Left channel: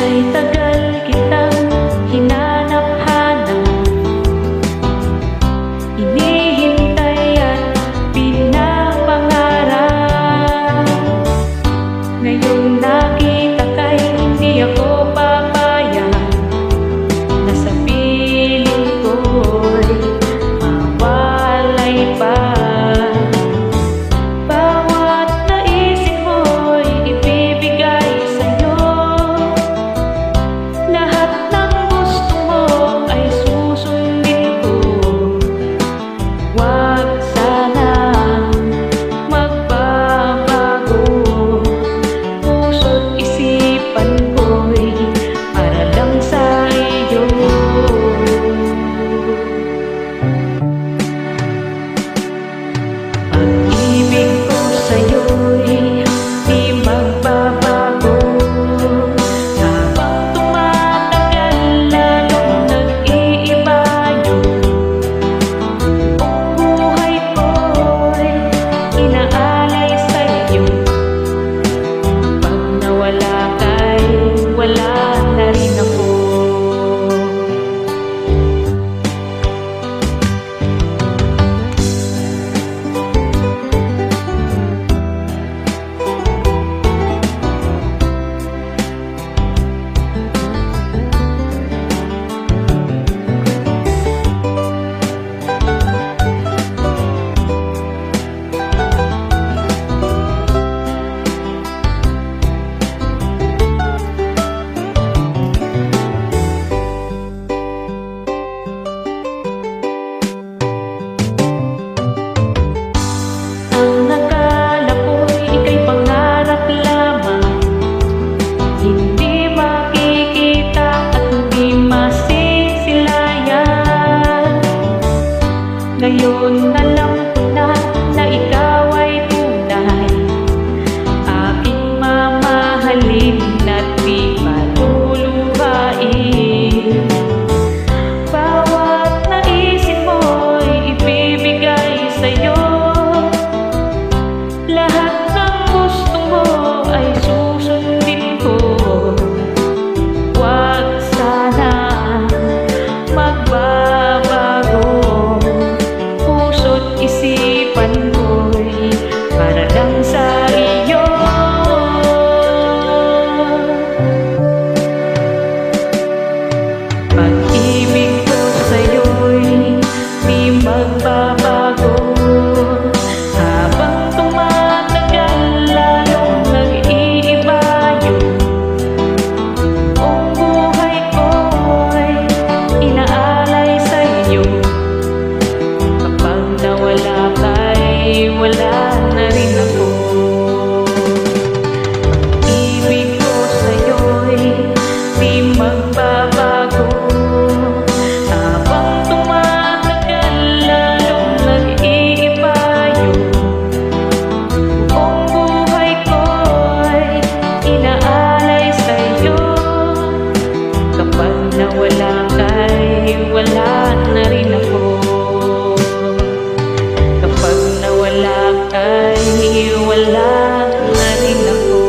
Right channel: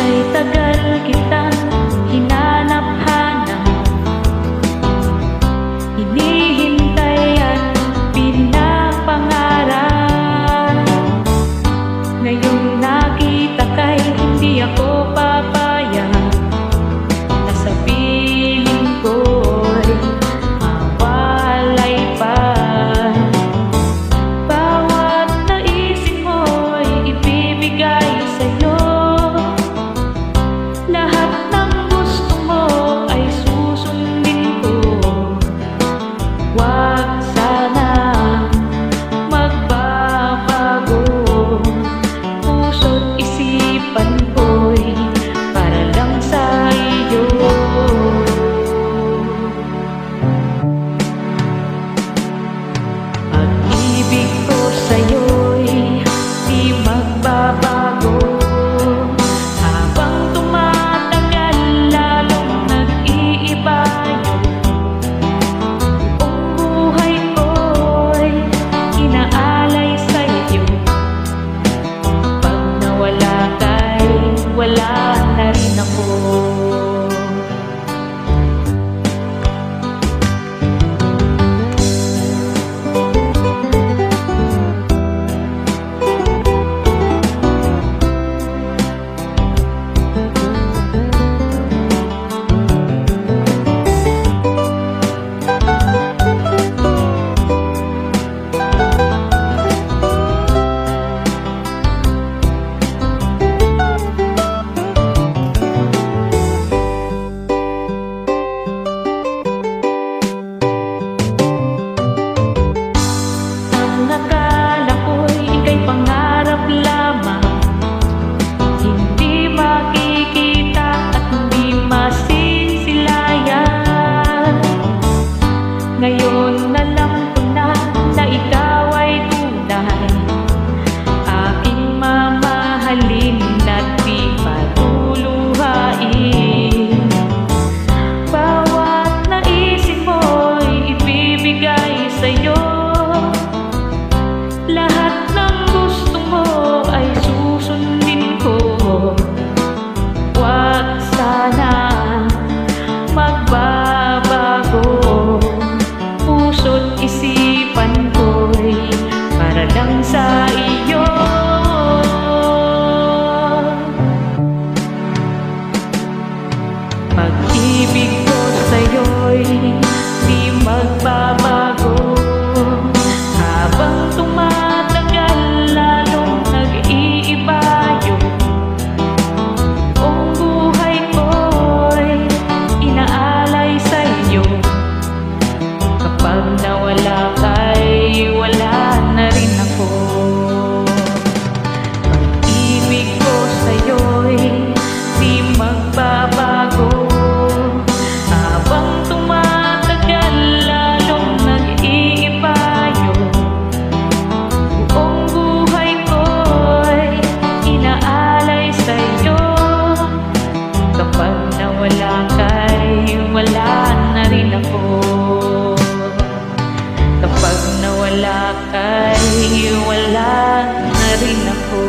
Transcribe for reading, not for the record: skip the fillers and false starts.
Kay tagal kitang hinanap-hanap, hinihintay at pinapangarap. Ngayong nakita kay hindi ako papayag, na sa piling ko'y mawalay pa. Bawat naisin mo'y ibibigay sa'yo, lahat ng gusto mo ay susundin ko. Huwag sana magbabago, puso't isipan ko'y para lang sa iyo. Pag-ibig ko sa'yo'y di magbabago, habang tumatagal lalong nag-iiba yun. Buong buhay ko'y inaalay sa'yo, pag nawala ka'y wala na rin ako. Akala ko'y ika'y pangarap lamang, hindi makikita at hindi masisilayan. Ngayon alam ko na ikaw ay tunay, aking mamahalin at di maluluhain. Bawat naisin mo'y ibibigay sa'yo, lahat ng gusto mo ay susundin ko. Huwag sana magbabago, puso't isipan ko'y para lang sa iyo. Pag-ibig ko sa'yo'y di magbabago, habang tumatagal lalong nag-iiba yun. Buong buhay ko'y inaalay sa'yo, kapag nawala ka'y wala na rin ako. Pag-ibig ko sa'yo'y di magbabago, habang tumatagal lalong nag-iiba yun. Buong buhay ko'y inaalay sa'yo, kapag nawala ka'y wala na rin ako. Kapag nawala ka'y wala na rin ako.